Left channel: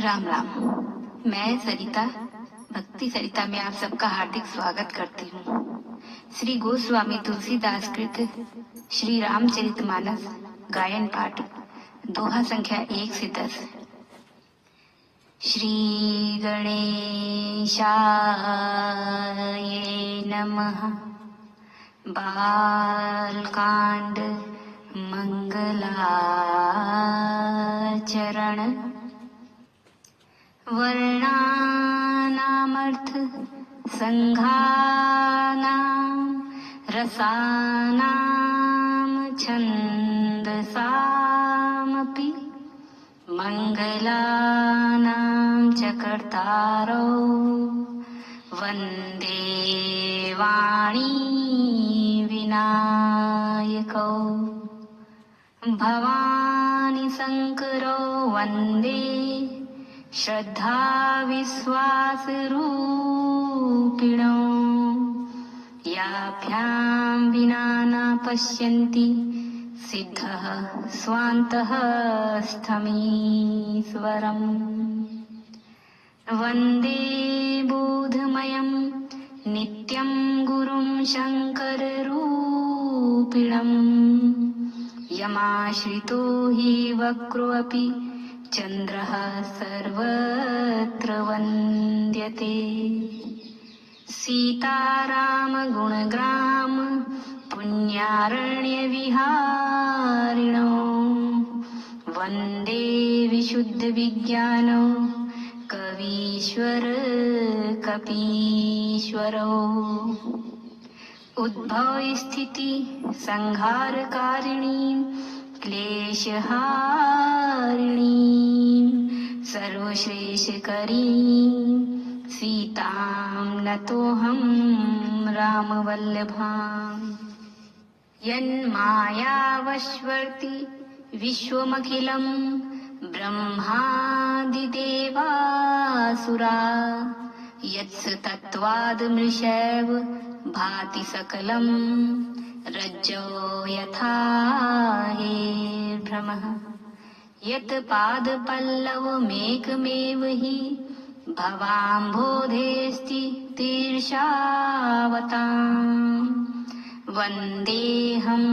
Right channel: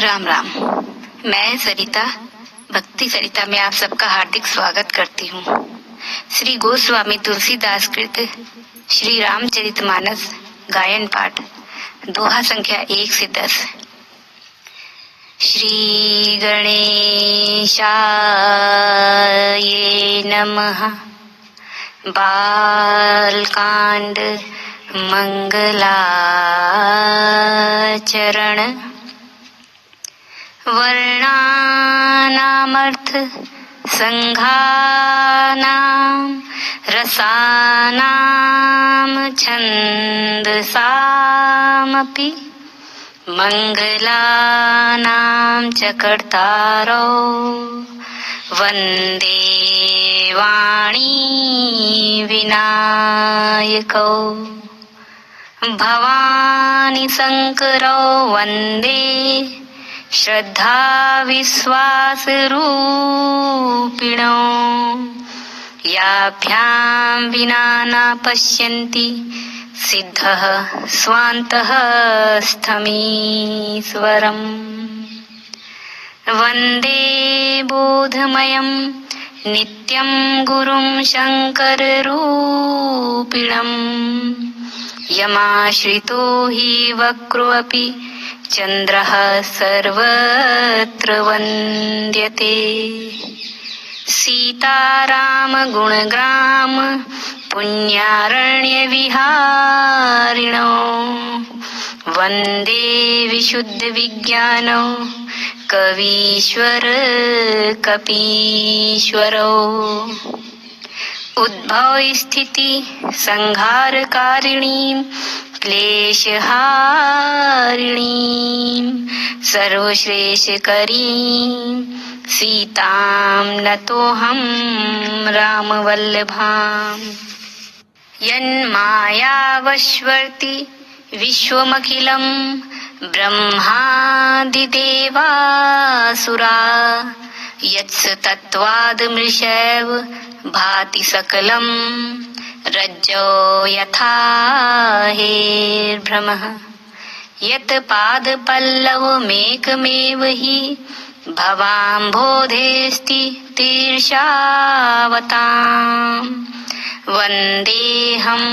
राम राम। मैं सरिता, भक्ति सरिता में आप सबका हार्दिक स्वागत करती हूँ। श्री गोस्वामी तुलसीदास कृत श्री रामचरितमानस गायन पाठ, दोहा संख्या 1 से 10। श्री गणेशाय नमः। बालकांड मंगलाचरण। वर्णानामर्थ संघानां रसानां छन्दसामपि मंगलानां च कर्तारौ वन्दे वाणी विनायकौ। भवानी शंकरौ वन्दे श्रद्धा विश्वास रूपिणौ। याभ्यां विना न पश्यन्ति सिद्धः स्वान्तः स्थमीश्वरम्। वन्दे बोधमयं नित्यं गुरुं शङ्कररूपिणम्। यमाश्रितो हि वक्रोऽपि चन्द्रः सर्वत्र वन्द्यते। सीताराम गुणग्राम पुण्यारण्यविहारिणो। वन्दे विशुद्धविज्ञानौ कवीश्वर कपीश्वरौ। उद्भव स्थिति संहारकारिणीं क्लेशहारिणीं सर्वश्रेष्ठकरीं सीतां नतोऽहं रामवल्लभाम्। यन्मायावश्वर्ति विश्वमखिलं ब्रह्मादिदेवासुरा। यत्स तत्त्वादमृषैव भाति सकलं रज्जो यथा हेर्भ्रमः। यत् पादपल्लवमेकमेव हि भवाम्भोधेऽस्ति तीर्षावताम्। वन्देऽहं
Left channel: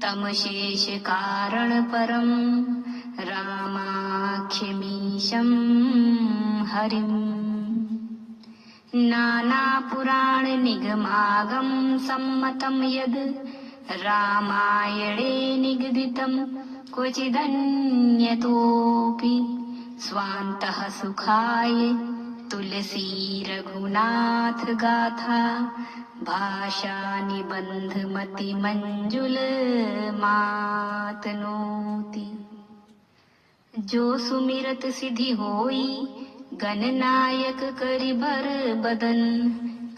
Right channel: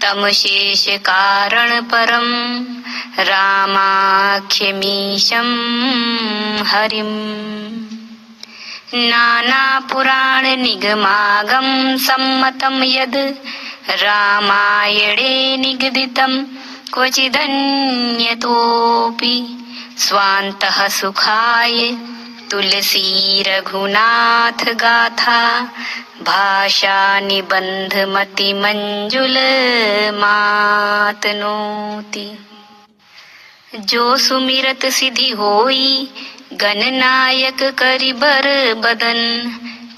तमशेषकारणपरं रामाख्यमीशं हरिम्। नानापुराणनिगमागम सम्मतं यद् रामायणे निगदितं क्वचिदन्यतोऽपि स्वान्तः सुखाय तुलसी रघुनाथ गाथा। भाषा निबंधमतिमंजुलमातनोति। जो सुमिरत सिद्धि होई गणनायक करिबर बदन।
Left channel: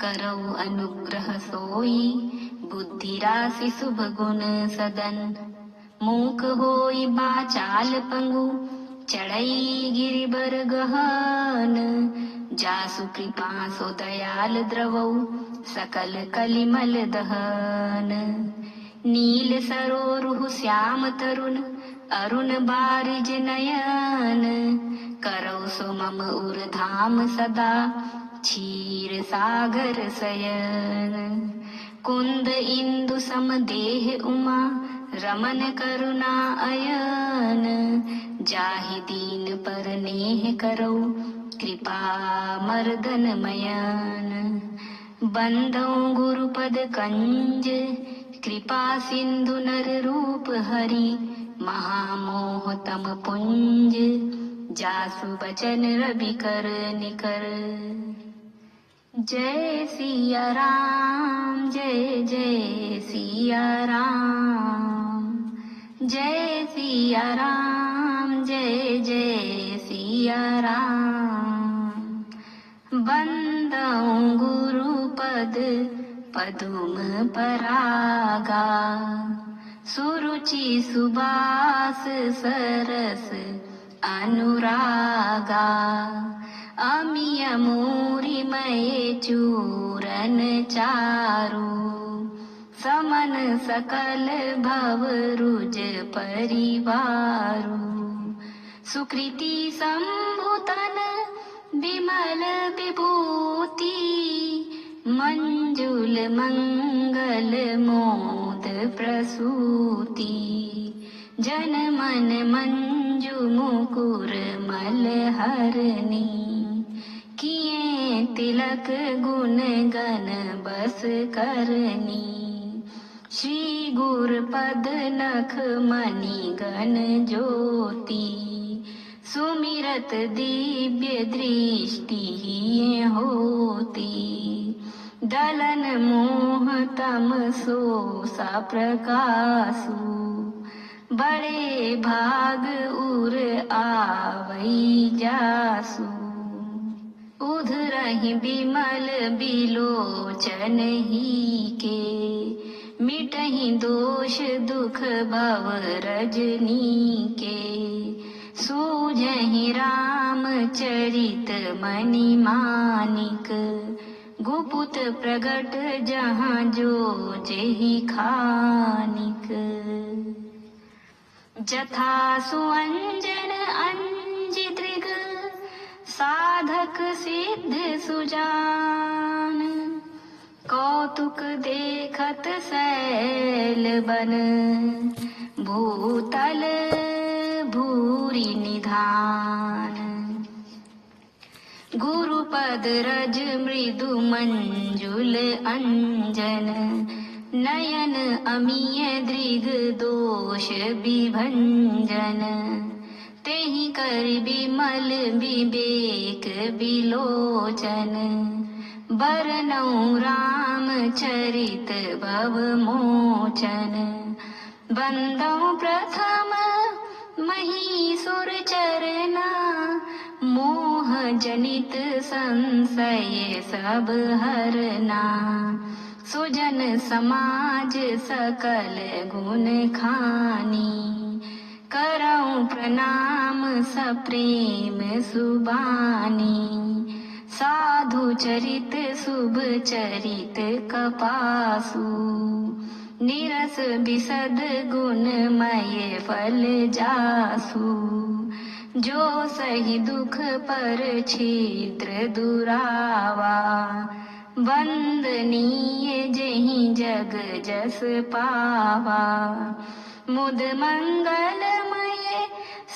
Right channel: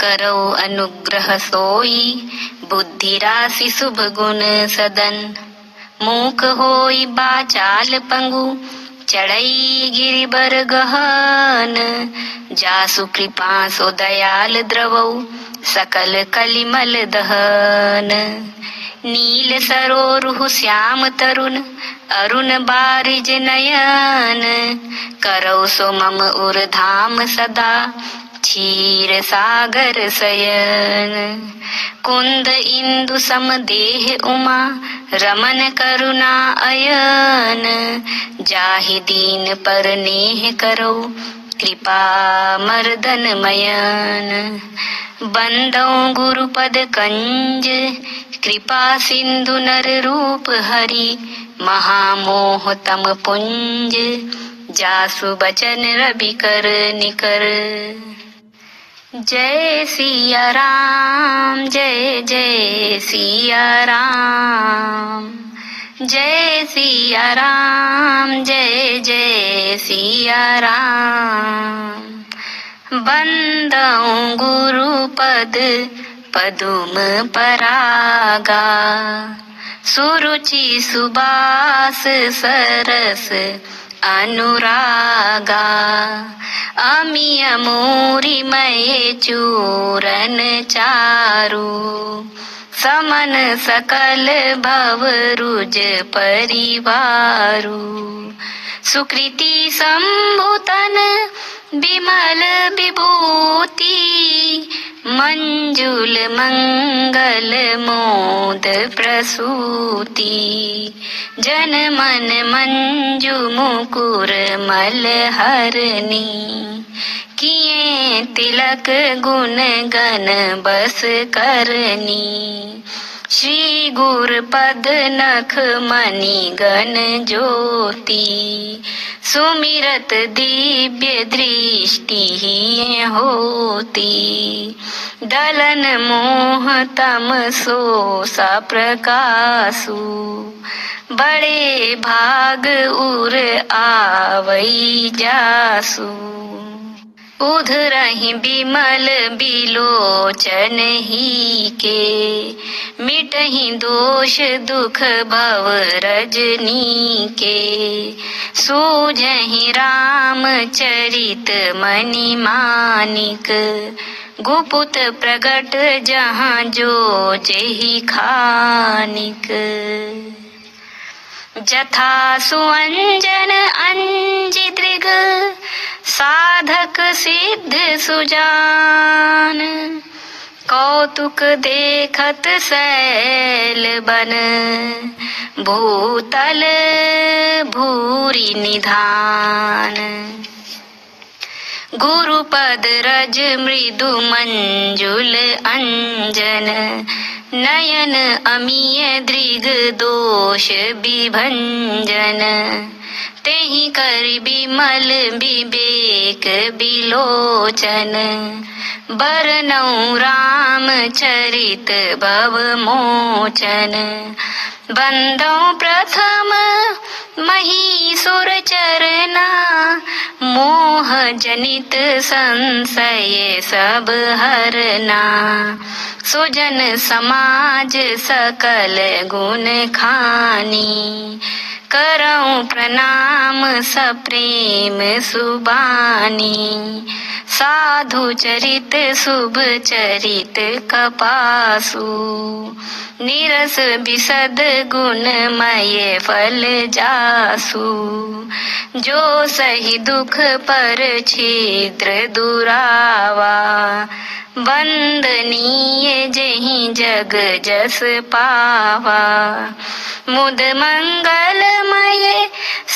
करो अनुग्रह सोई बुद्धि राशि शुभ गुण सदन। मूक होई बाचाल पंगु चढ़ई गिरिबर गहन। जासु कृपा सो दयाल द्रवौ सकल कलिमल दहन। नील सरोरुह श्याम तरुण अरुण बारिज नयन। करौ सो मम उर्धाम सदा क्षीर सागर शयन। कुंद इंदु सम देह उमा रमन करुणा अयन। जाहि दीन पर नेह करो कृपा मर्दन मयन। बंदौ गुरुपद कंज कृपा सिंधु नर रूप हरि। महामोह तम पुंज जासु बचन रवि कर निकर। जय सिया राम जय जय सिया राम। जय सिया राम जय जय सिया राम। बंदौ गुरुपद पदुम परागा। सुरुचि सुबास सरस अनुरागा। अमिय मोरी मय चूरन चारु। समन सकल भव रुज परिवारु। सुकृति संभूतन विमल विभूति मंजुल मंगल मोद प्रसूति जन मन मंजु मुकुर मलहरनी किए तिलक गुण गण बस करनी श्री गुर पद नख मणि गण ज्योति सुमिरत दिव्य दृष्टि ही होती दलन मोह तम सोसा प्रकाशु बड़े भाग उर आवई जासु उधरहि बिमल बिलोचन ही के मिटहि दोष दुख भव रजनी के सूझहि राम चरित मणि मानिक गुपुत प्रगट जहाँ जो जेहि खानिक जथा सुअंजन अंजि दृग साधक सिद्ध सुजान कौतुक देखत सैल बन भूतल भूरि निधान गुरुपद रज मृदु मंजुल अंजन नयन अमीय दृग दोष विभंजन तेहि कर बिमल विवेक बिलोचन बरनौ राम चरित भव मोचन बंदौ प्रथम महीसुर चरना मोह जनित संशय सब हरना सुजन समाज सकल गुण खानी करऊं प्रणाम सप्रेम सुबानी साधु चरित शुभ चरित कपासु निरस विशद गुणमय फल जासु जो सही दुख पर छिद्र दुरावा वंदनीय जहि जग जस पावा मुद मंगलमय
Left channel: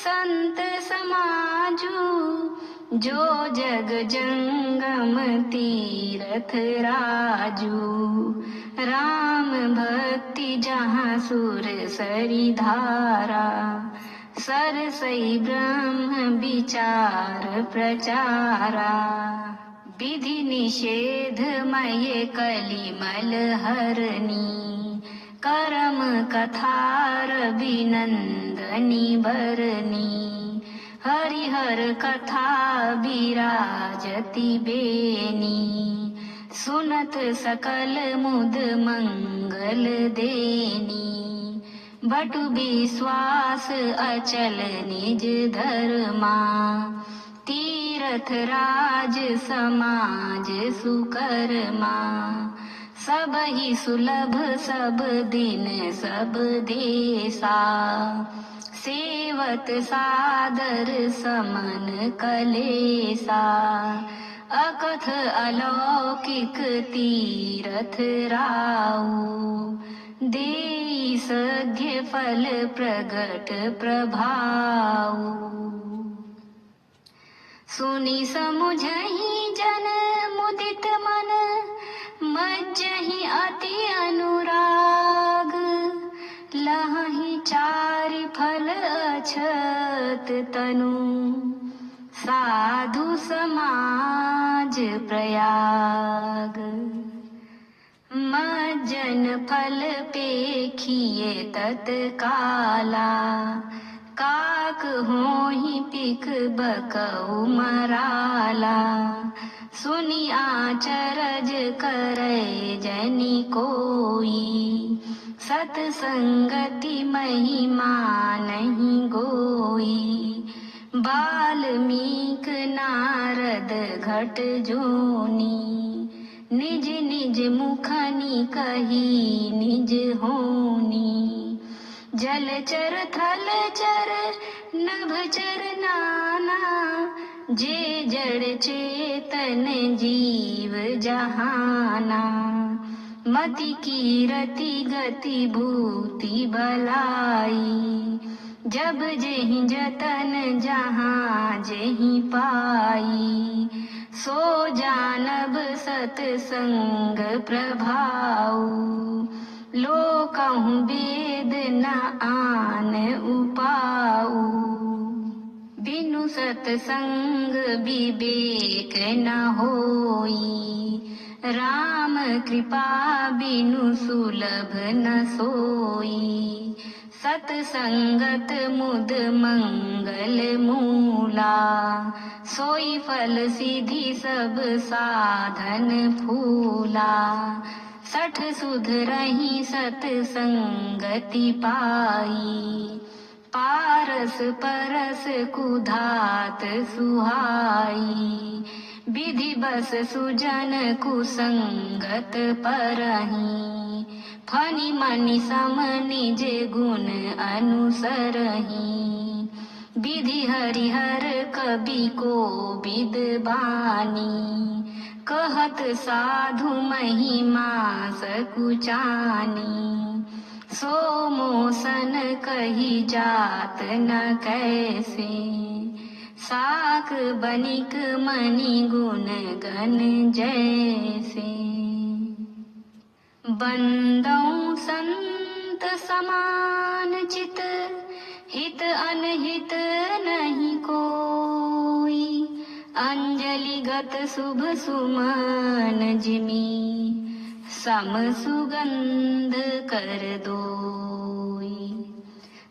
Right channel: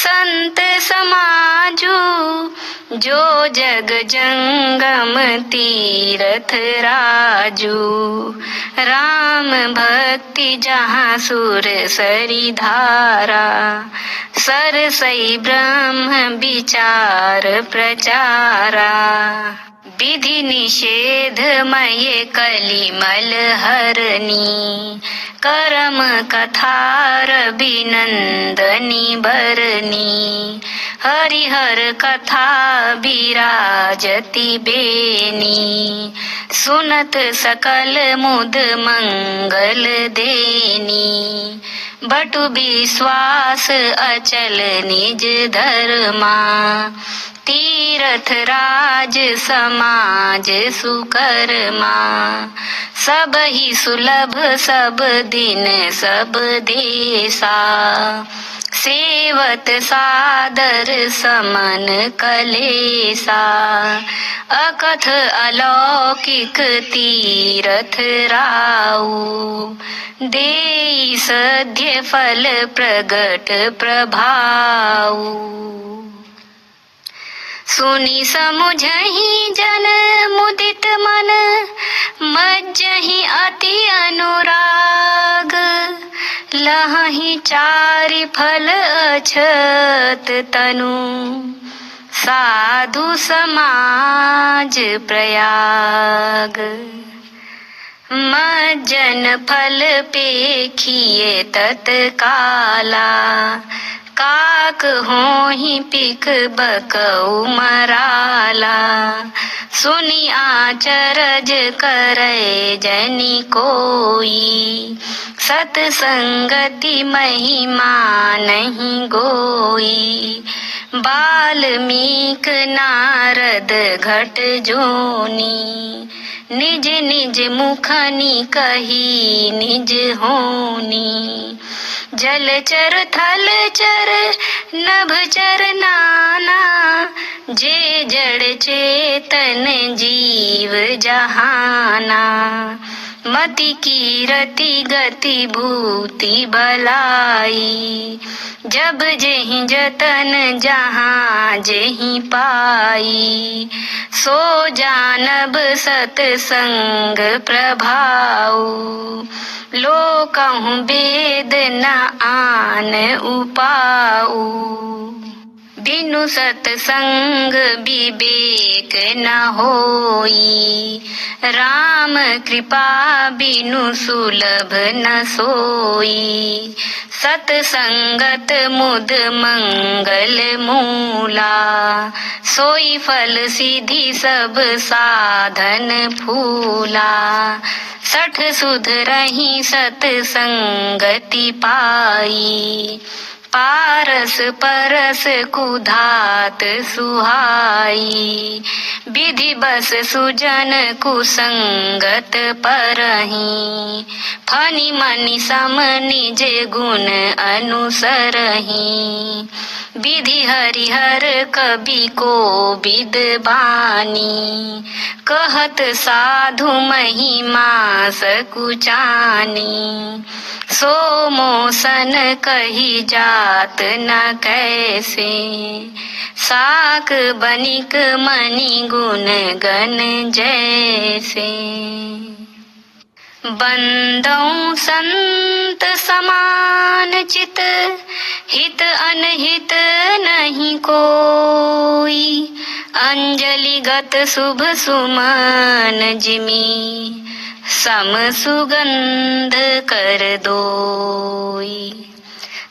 संत समाजू जो जग जंगम तीरथ राजू राम भक्ति जहाँ सुर सरी धारा सरसई ब्रह्म विचार प्रचारा विधि निषेध मय कलिमल हरनी करम कथार बिनंदनी भरनी हरिहर कथा विराजति बेनी सुनत सकल मुद मंगल देनी बटु विश्वास अचल निज धर्मा तीरथ राज समाज सुकर्मा सब ही सुलभ सब दिन सब देसा सेवत सादर समन कलेसा अकथ अलौकिक तीरथ राऊ देई सद्य फल प्रगट प्रभाऊ सुनी समुझहि जन मुदित मन मज्जहि अति अनुराग लहहि चारि फल अछत तनु साधु समाज प्रयाग मज्जन फल पेखिए तत्काला काक होहि पिक बकऊ मराला सुनी आचरज करे जनि कोई सतसंगति महिमा नहीं गोई बाल्मीक नारद घट जोनी निज निज मुखनि कही निज होनी जलचर थलचर नभचर नाना, जे जड़ चेतन जीव जहाना। मति कीरति गति भूति भलाई, जब जेहि जतन जहाँ जेहि पाई। सो जानब सतसंग प्रभाऊ, लोकहु वेद न आन उपाऊ। बिनु सतसंग विवेक न होई, राम कृपा बिनु सुलभ न सोई। सतसंगत मुद मंगल मूला, सोई फल सिद्धि सब साधन फूला। सठ सुध रही सतसंगति पाई, पारस परस कुधात सुहाई। विधि बस सुजन कुसंगत परही, फनि मनि सम निज गुण अनुसरही। विधि हरिहर कवि को विद्वानी, कहत साधु महिमा सकुचानी। सो मोसन कही जात न कैसे, साक बनिक मणि गुण गण जैसे। बंदौ संत समान चित, हित अनहित नहीं कोई। अंजलि गत शुभ सुमन जिमी, सम सुगंध कर दोई।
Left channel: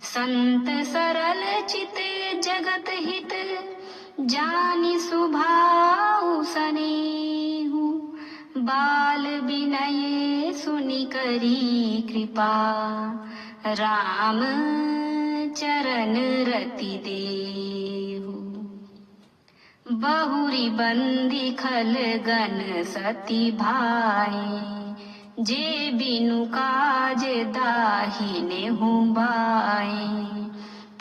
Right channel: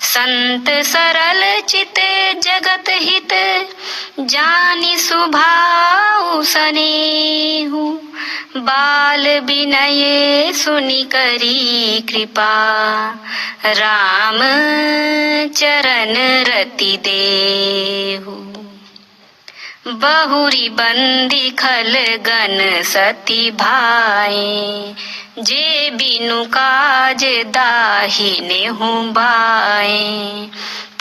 संत सरल चित जगत हित, जानि सुभाउ सनेहु। बाल विनय सुनि करी कृपा, राम चरण रति देहु। बहुरी बंदी खल गन सती भाए, जे बिनु काज दाहिने हूँ बाए।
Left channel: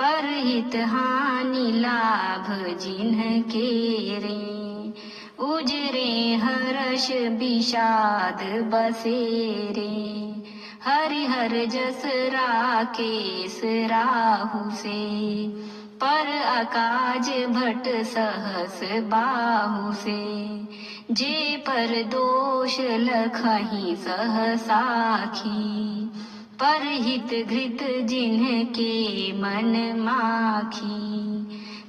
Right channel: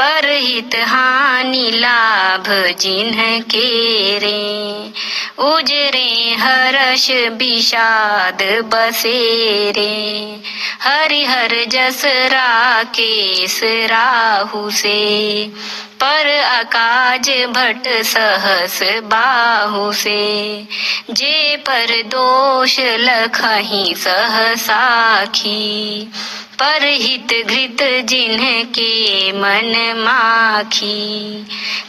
परहित हानि लाभ जिन्ह केरे, उजरे हर्ष विषाद बसेरे। हरिहर जस राकेश राहु से, पर अकाज भट सहस बाहु से। जे पर दोष लखहि सह साखी, परहित घृत जिन्ह के मन माखी।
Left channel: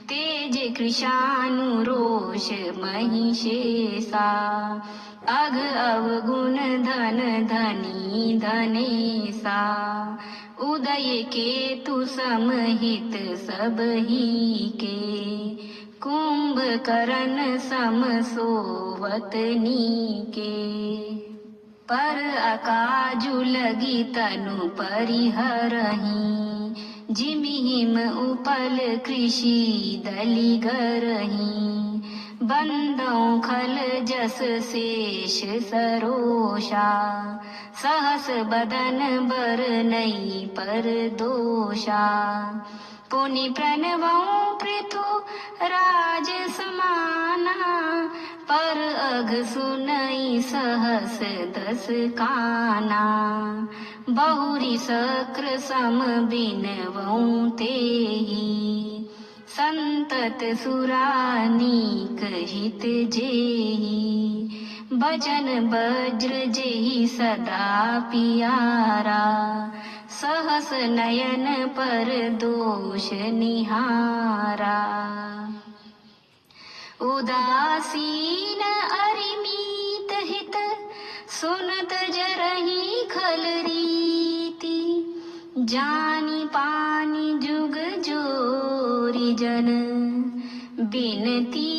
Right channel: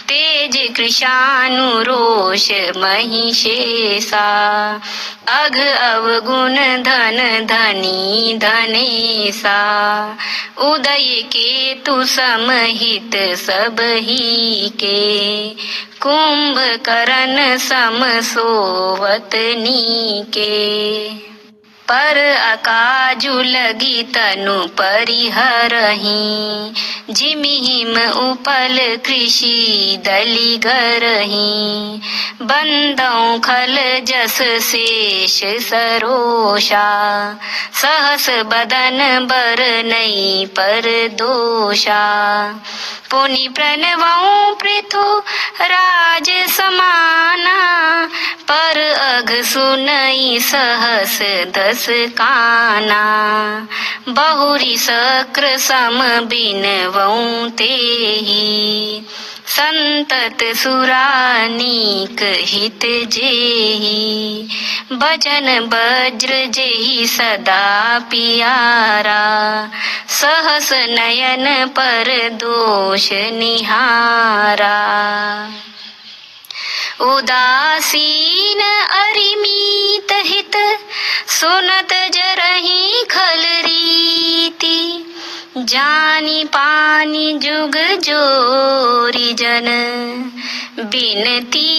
तेज कृशानु रोष महिषेषा, अघ अवगुण धन धनी धनेसा। उदय केतु समहित सबही के, कुंभकर्ण सम सोवत नीके। पर अकाजु लगी तनु परिहरही, जिमि हिम उपल कृषि दलि गरही। बंदौ खल जस शेष सरोषा, सहस बदन बरनई पर दोषा। पुनि प्रणवौ पृथु राज समाना, पर अघ सुनई सहस दस काना। बहुरी शक्र सम बिनवौ तेहि, संतत सुरानीक हित जेहि। भजन वज्र जेहि सदा पियारा, सहस नयन पर दोष निहारा। उदासीन अरिमीत हित, सुनत जरहि खल रीति। जानी पानी जुग जोरी जन, बिनती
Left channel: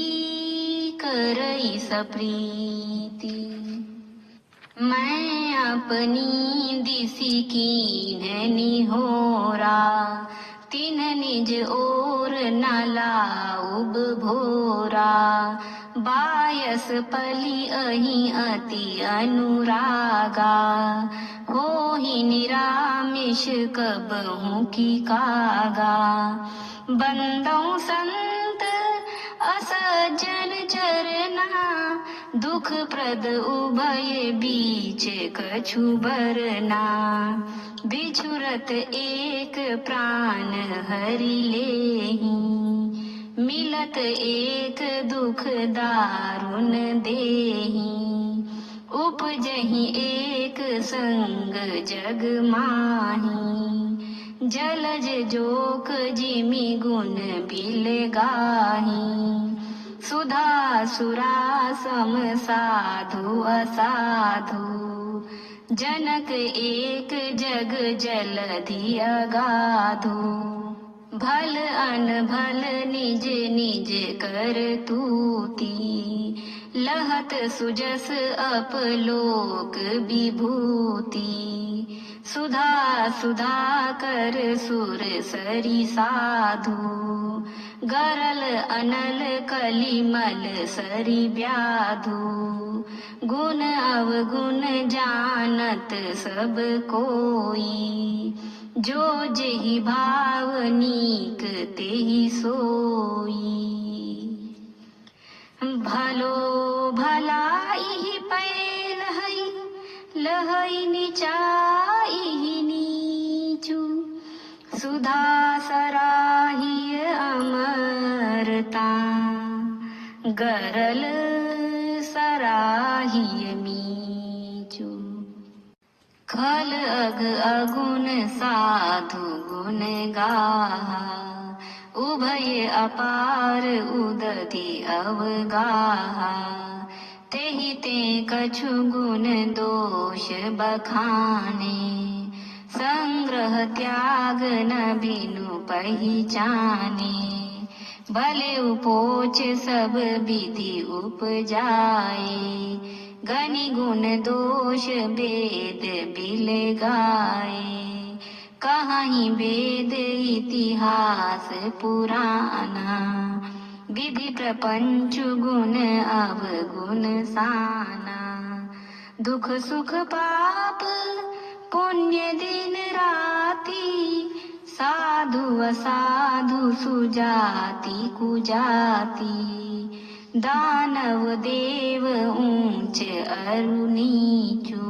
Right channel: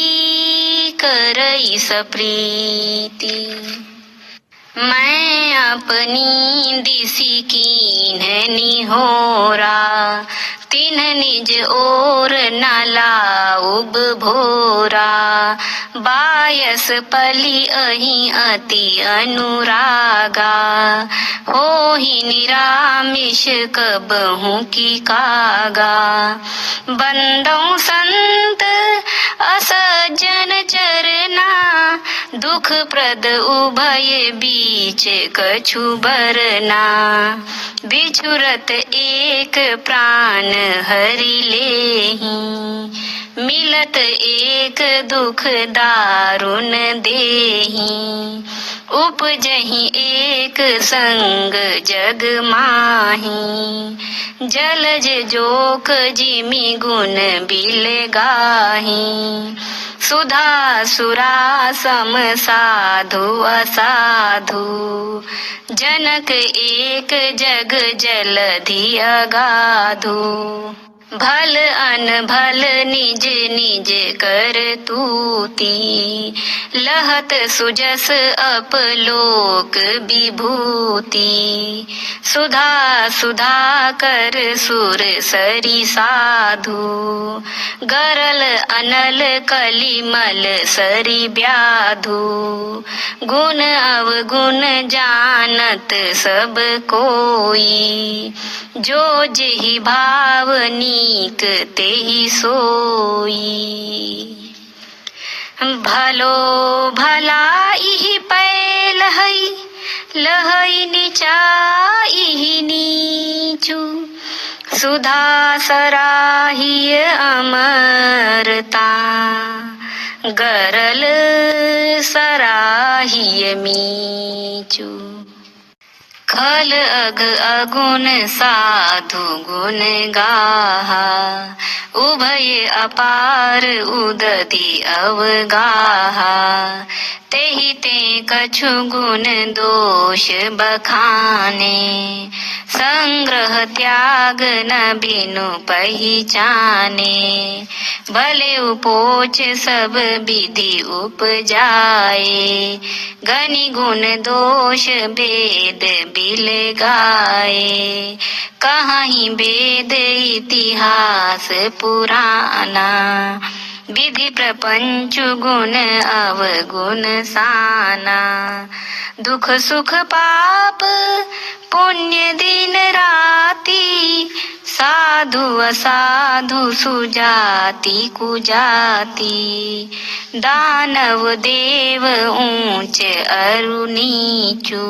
करई सप्रीति। मैं अपनी दिसि कीन्ह निहोरा, तिन्ह निज ओर नाला उब भोरा, बायस पली अहि अति अनुरागा, होहि निरामिष कबहु की कागा। बंदौ संत असज्जन चरना, दुख प्रद उभय बीच कछु बरना, बिछुरत एक प्राण हरि लेहि, मिलत एक दुख दारुण देहि, उपजहि एक संग जग माहि, जलज जोक जिमि गुण बिल गाहि, सुधा सुरा सम साधु असाधु, जनक एक जग जलधि अगाधु, भल अनभल निज निज कर तूती, लहत सुजस अपलोक विभूति, सुधा सुधा कर सुर सरी साधु, गरल अनल कलिमल सरी ब्याधु, गुण अवगुण जानत सब कोई, जो जेहि भाव नीक तेहि सोई। भलो भलाई पै लहई, लहई नीचाई नीचू, सुधा सराहिय अमरता, गरल सराहिय मीचू। खल अग अगुण साधु गुण गाहा, उभय अपार उदति अवगाहा, तेहि ते कछु गुण दोष बखाने, संग्रह त्याग न बिनु पहिचाने, भले उपोच सब विधि उपजाए, गनि गुण दोष वेद बिल गाए, कहाहि वेद इतिहास पुराना, विधि प्रपंच गुण अवगुण साना, दुख सुख पाप पुण्य दिन राति, साधु असाधु सुजाति कुजाति, दानव देव ऊंच अरु नीचू,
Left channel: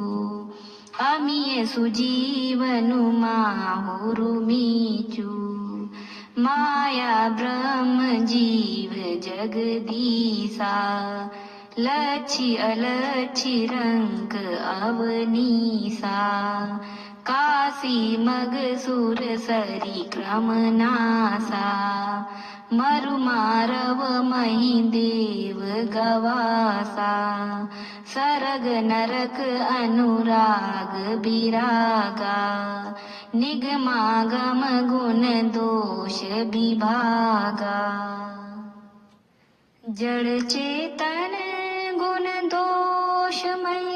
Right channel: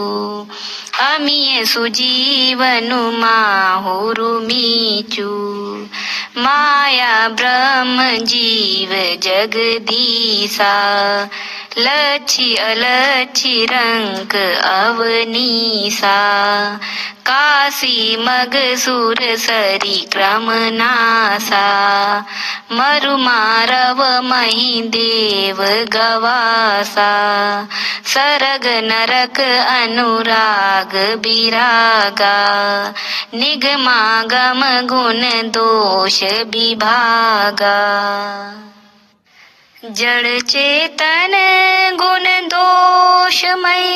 अमिय सुजीवनु माहुरु मीचू, माया ब्रह्म जीव जगदीसा, लच्छी अलच्छी रंक अवनीसा, काशी मग सुर सरी क्रम नासा, मरु मारव मही देव गवासा, सरग नरक अनुराग बिरागा, निगमागम गुण दोष विभागा, जड़ चेतन गुण दोषमय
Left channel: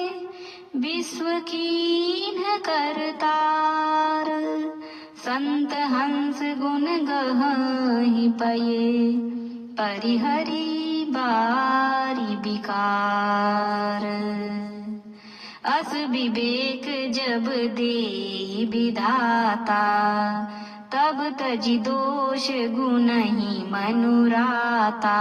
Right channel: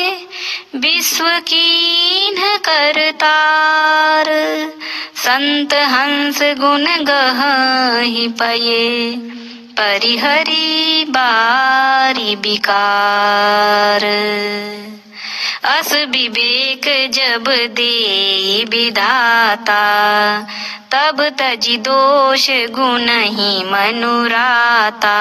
विश्व कीन्ह करतार, संत हंस गुण गहहि पये, परिहरि बारी बिकार, अस विवेक जब दे विधाता, तब तजि दोष गुण ही मनुराता,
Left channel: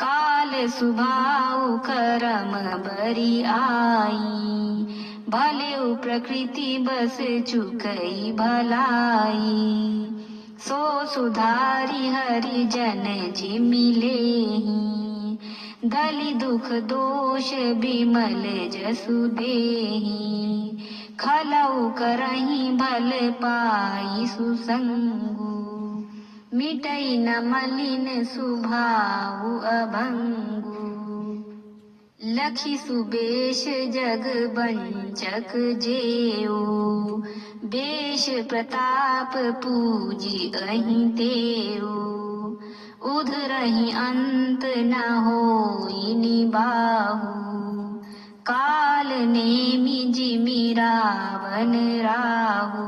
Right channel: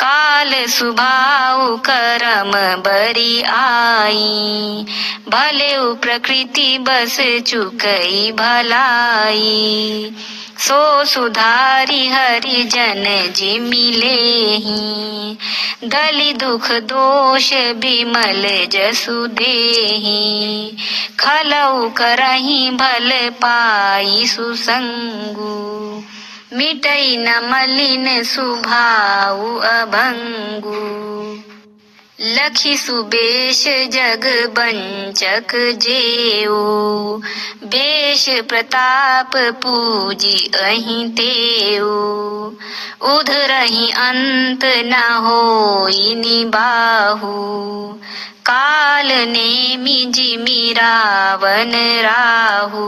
काल सुभाव करम बरी आई, भले प्रकृति बस चुकई भलाई, सो सुधारी हरि जन जिमि लेहि, दलि दुख दोष बिमल जसु देहि, खलउ करहि भल पाई सुसंगु, मिटई न मलिन सुभाउ अभंगु, लखि सुबेश जग बंचक जेऊ, बेश प्रताप पूजी अहि तेऊ, उधरहि अंत न होई निबाहु, काल नेमि जिमि रावण राहु,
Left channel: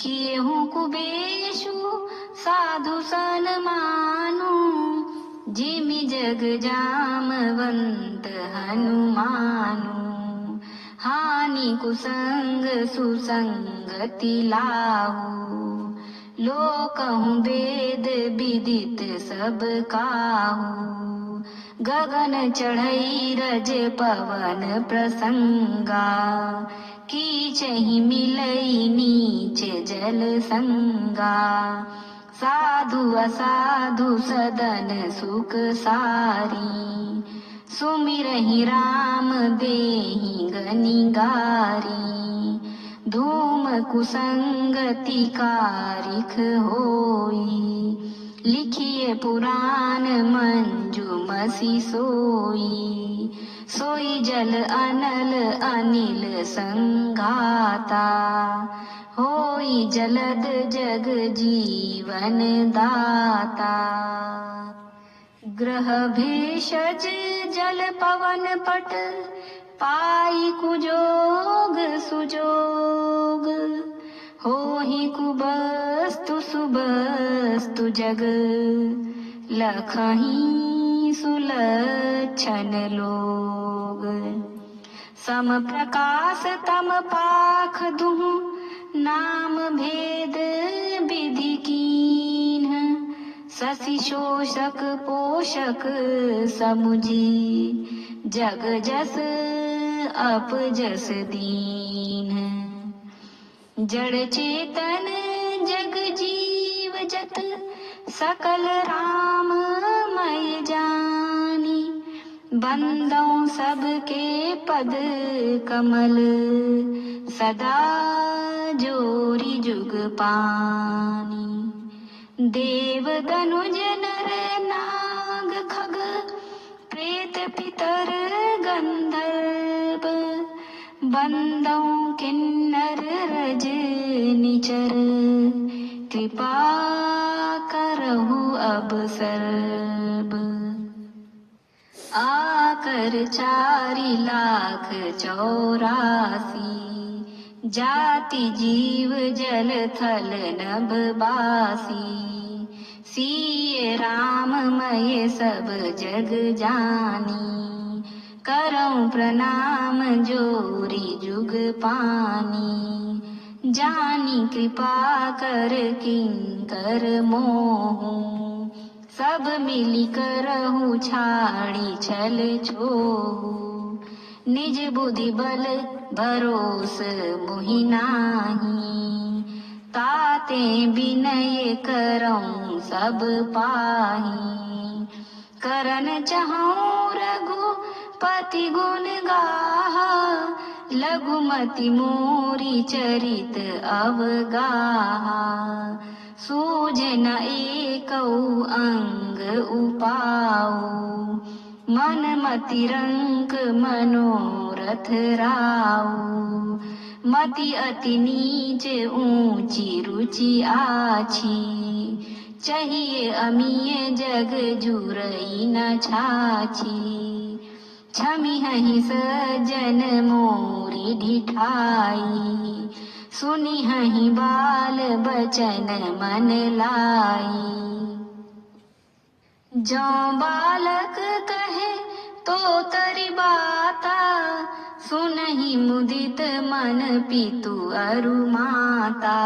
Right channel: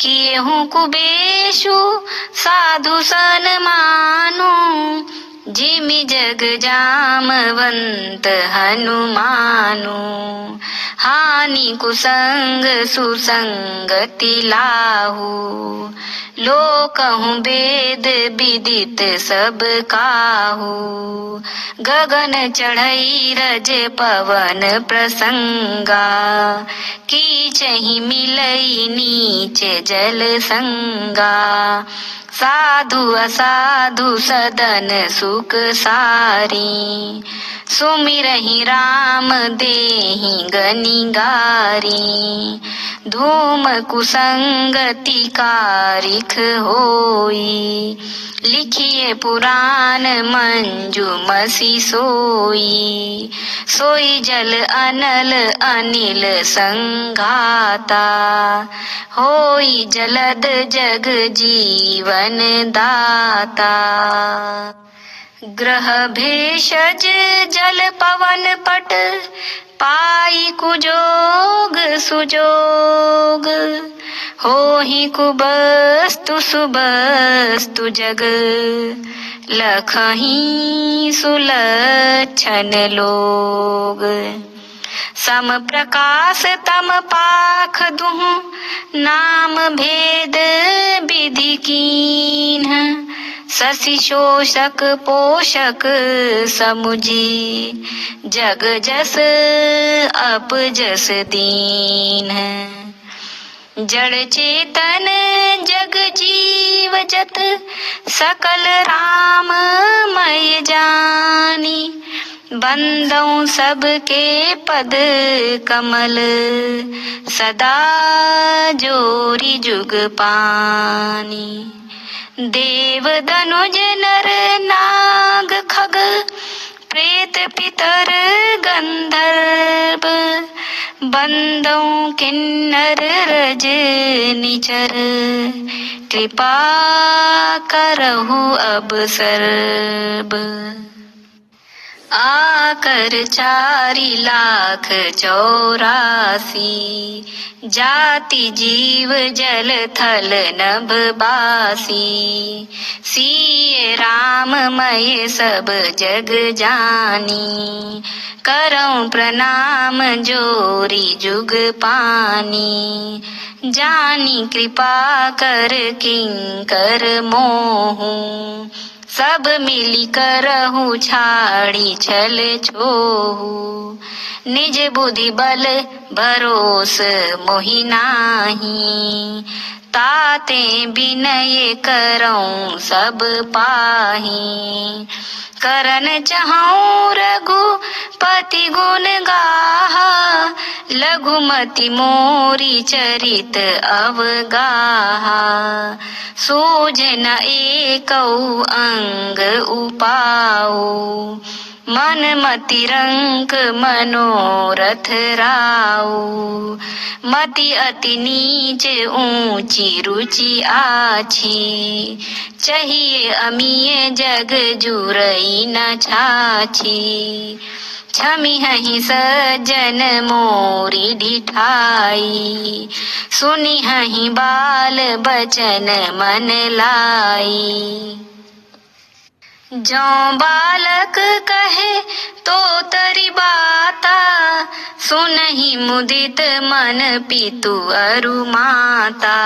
किएहु कुबेशु साधु सन मानु, जिमि जग जामवंत हनुमानु। हानि कुसंग सुसंगति लाहु, लोकहु वेद विदित सब काहू। गगन चढ़ई रज पवन प्रसंगा, कीचहि मिलई नीच जल संगा। साधु असाधु सदन सुख सारी, सुमिरहि राम देहि गनि गारी। धूम कुसंगति कारिख होई, लिखिए पुराण मंजू मसी सोई। सोई जल अनल अनिल संघाता, होई जलद जग जीवन दाता। ग्रह भेषज जल पवन पट, पाई कुजोग सुजोग। होहि कुबस्तु सुबस्तु जग, लखहि सुलक्षण लोग। सम प्रकाश तम पाख दुहु, नाम भेद विधि कीन्ह। शशि शोषक पोषक समुझी, जग जस अप जस दीन। जड़ चेतन जग जीव जत, सकल राम मय जानी। बंदौ सबके पद कमल, सदा जोरी जुग पानी। देव दनुज नर नाग खग, प्रेत पितर गंधर्व। बंदौ किन्नर रज निचर, कृपा करहु अब सर्ब। आकर 4,84,000, जाति जीव जल थल नभ बासी। सिय राममय सब जग जानी, करऊं प्रणाम जोरी जुग पानी। जानी कृपा कर किंकर मोहू, सब मिली करहु छाड़ी छल छोहू। निज बुद्धि बल भरोस मोहि नाही, ताते बिनय करऊं सब पाही। करन चहऊं रघुपति गुण गाहा, लघुमति मोरी चरित अवगाहा। सूझ न एकौ अंग उपाऊ, मन मति रंक मनोरथ राऊ। मति अति नीच ऊंची रुचि आछी, चाहिए अमीय जग जुरई न छाछी। छमिहहि सज्जन मोरी ढिठाई, सुनिहहि बाल बचन मन लाई। जौं बालक कहे तो तरि बाता, सुनहि मुदित मन पितु अरु माता।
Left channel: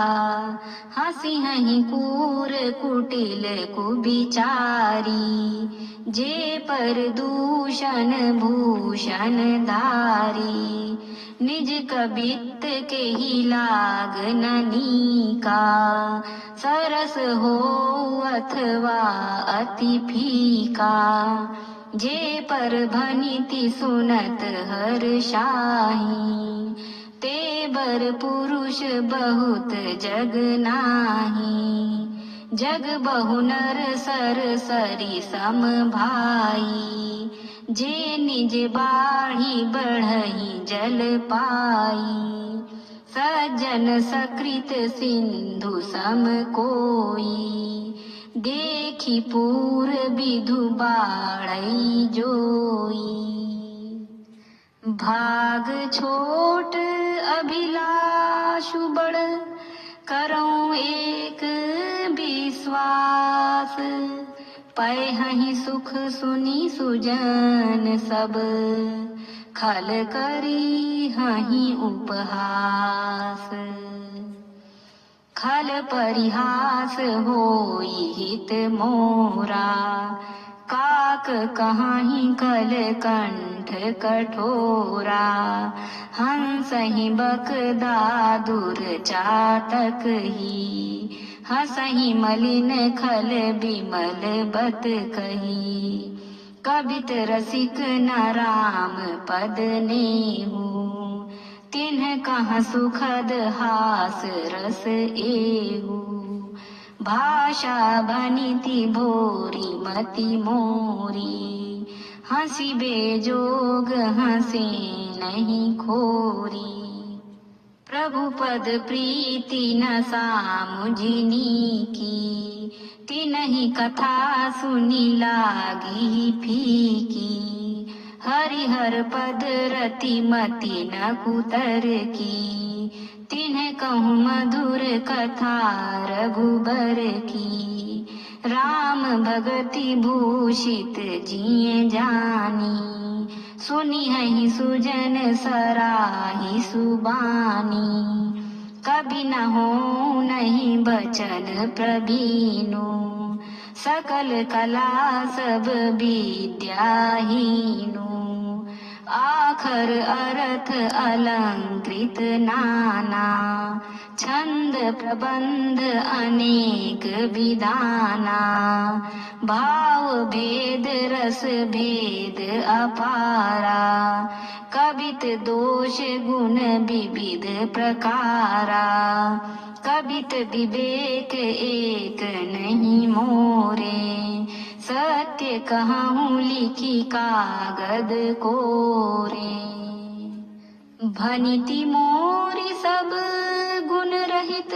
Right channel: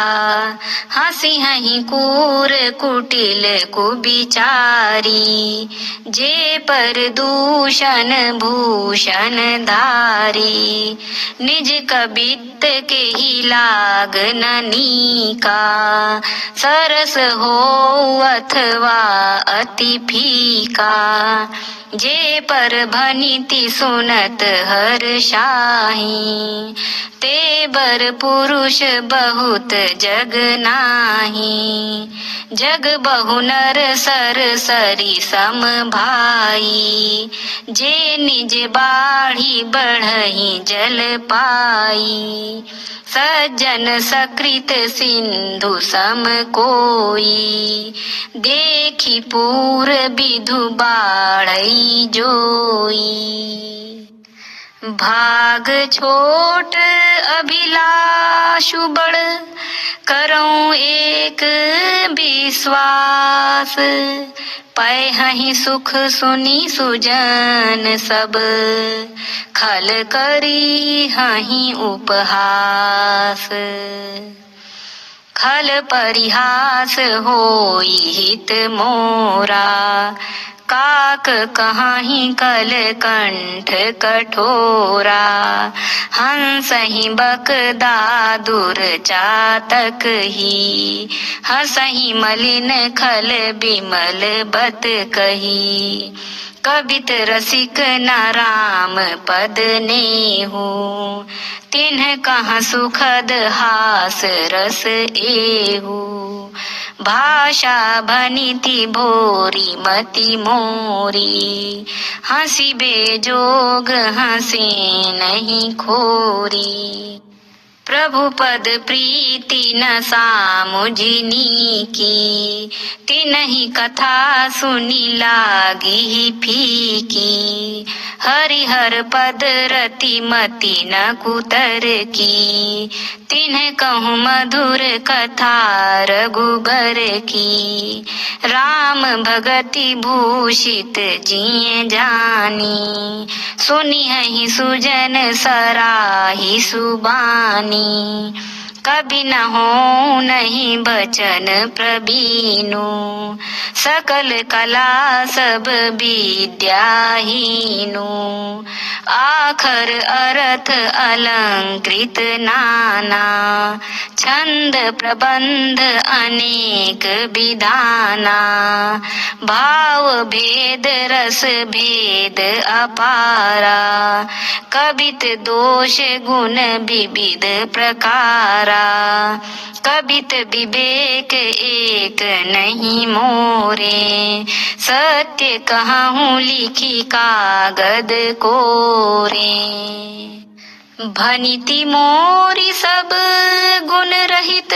हंसिहहि कूर कुटिल कुबिचारी, जे पर दूषण भूषण धारी। निज कबित्त के ही लाग न नीका, सरस हो अथवा अति फीका। जे पर भनिति सुनत हर्षाहि, ते बर पुरुष बहुत जग नाही। जग बहु नर सर सरी सम भाई, जे निज बाढ़ी बढ़ही जल पाई। सज्जन सकृत सिंधु सम कोई, देखी पूर विधु बाढ़ई जोई। भाग छोट अभिलाषु बड़, करऊं एक विश्वास, पैहि सुख सुनी सुजन सब, खल करी हहि उपहास। खल परिहास होई हित मोरा, काक कहाहि कल कंठ कठोरा। हंसहि बकदा दुर्चातक ही, हंसहि मलिन खल बिमल बत कही। कबित रसिक न राम पद नेहु, तिन्ह कहाँ सुखद हास रस एहु। भाषा भनिति भोरी मति मोरी, हंसी बेजोग हंसे नहीं खोरी। प्रभु पद प्रीति न सामुझिनी की, तिनहि कथा सुनी लागी फीकी। हरिहर पद रति मति न कुतर की, तिन्ह कहूँ मधुर कथा रघुबर की। राम भगति भूषित जिय जानी, सुनिहि सुजन सराही सुबानी। कभी न हो नहीं बचन प्रबीनु, सकल कला सब विद्याहीनु। आखर अर्थ अलंकृत नाना, छंद प्रबंध अनेक विधाना। भाव भेद रस भेद अपारा, कबित दोष गुण विविध प्रकारा। कबित विवेक एक नहीं मोरे, सत्य कहूँ लिखी कागद कोरे। भनिति मोरी सब गुण रहित,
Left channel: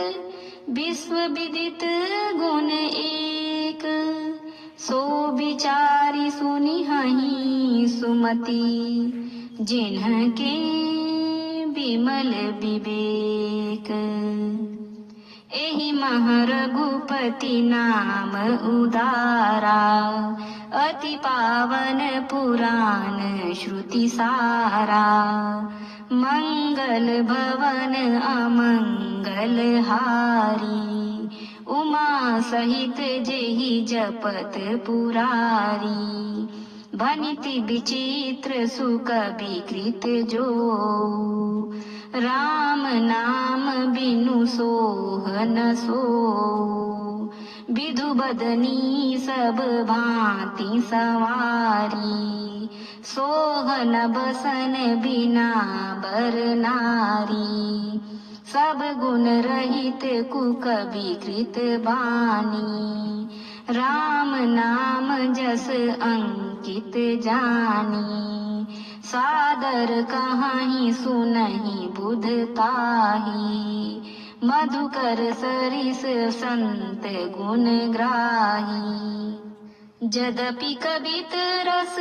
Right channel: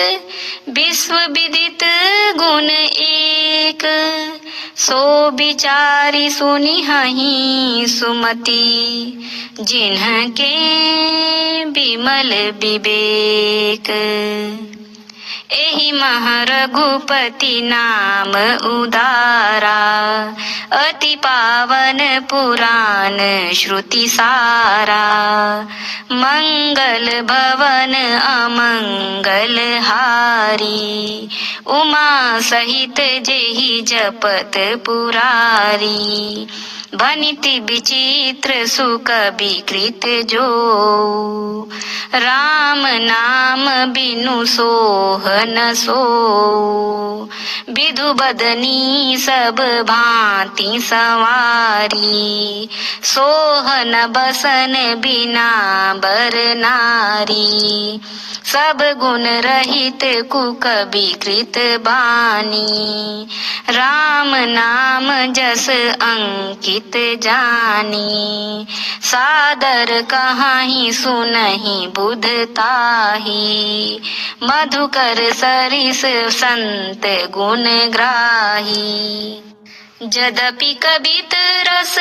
विश्व विदित गुण एक। सो विचारी सुनिहि सुमति, जिन्हके विमल विवेक। एहि मह रघुपति नाम उदारा, अति पावन पुराण श्रुति सारा। मंगल भवन अमंगल हारी, उमा सहित जेहि जपत पुरारी। भनिति विचित्र सुख विकृत जो, राम नाम बिनु सोह न सो। विधु बदनी सब भांति सवारी, सोह न बसन बिना बर नारी। सब गुण रहित कुक विकृत बानी, राम नाम जस अंकित जानी। सादर कहाहि सुनहि बुध ताही, मधुकर सरिस संत गुण ग्राही। यद्यपि कबित रस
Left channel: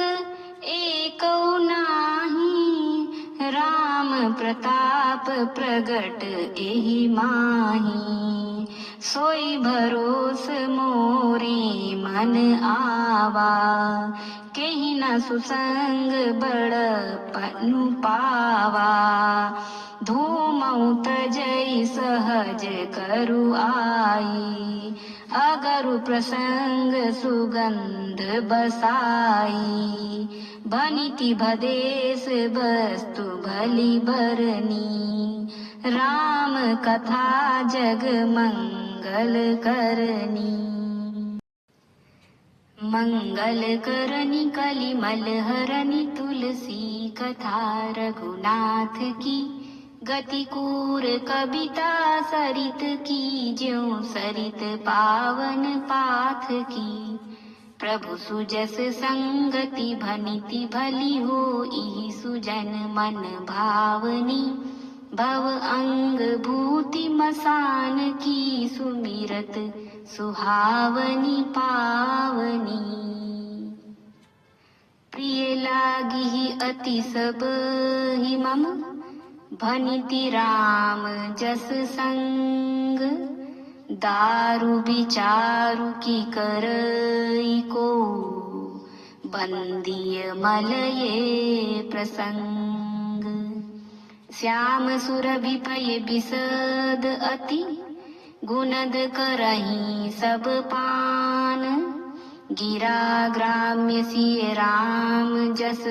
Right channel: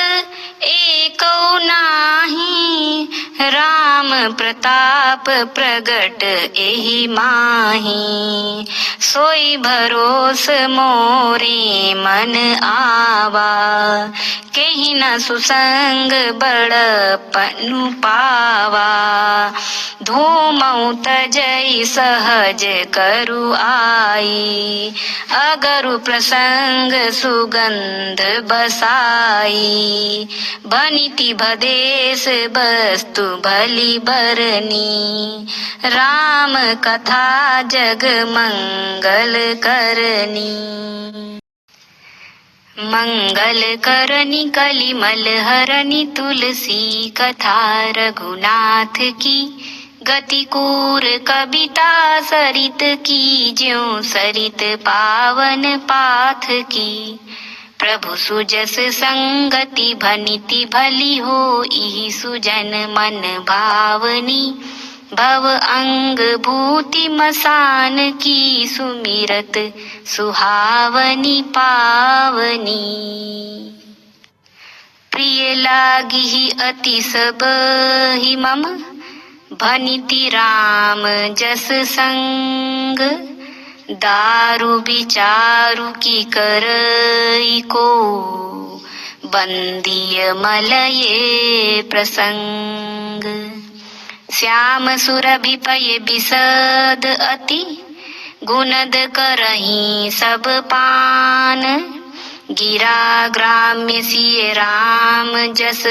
एको नाही, राम प्रताप प्रगट एहि माही। सोई भरोस मोरे मन आवा, केहि न सुसंग बड़पनु पावा। धूमऊ तजई सहज करु आई, अगरु प्रसंग सुगंध बसाई। भनिति भदेश वस्तु भली बरनी, राम कथा जग मंगल करनी। मंगल करनी कलिमल हरनी, तुलसी कथा रघुनाथ की। गति कूर कविता सरित की, ज्यों सरित पावन पाथ की। प्रभु सुजस संगति भनिति भली होई, सुजन मन भावनी। भव अंग भूति मसान की, सुमिरत सुहावनी पावनी। प्रिय लागी अति सब ही मम, भनिति राम जस संग। संग, दारू विचारु की करई को, बंदिय मलये प्रसंग। श्याम सुरभि पय बिसद अति, गुणद करही सब पान। गिरा ग्राम्य सिय राम जस,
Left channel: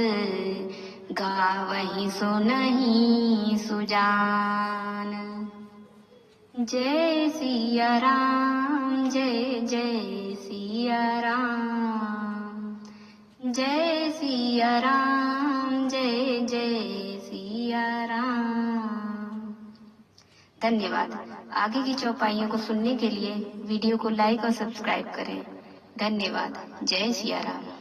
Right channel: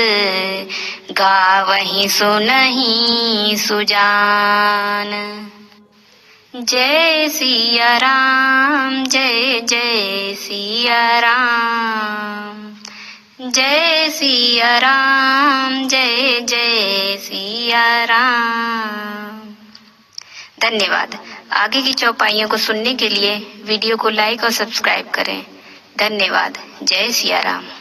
गावही सुनहि सुजान। जय सिया राम, जय जय सिया राम, जय सिया राम, जय जय सिया राम। धन्यवाद। आगे की चौपाइयों को सुनने के लिए वीडियो को लाइक और सब्सक्राइब करें। धन्यवाद। जय सिया राम।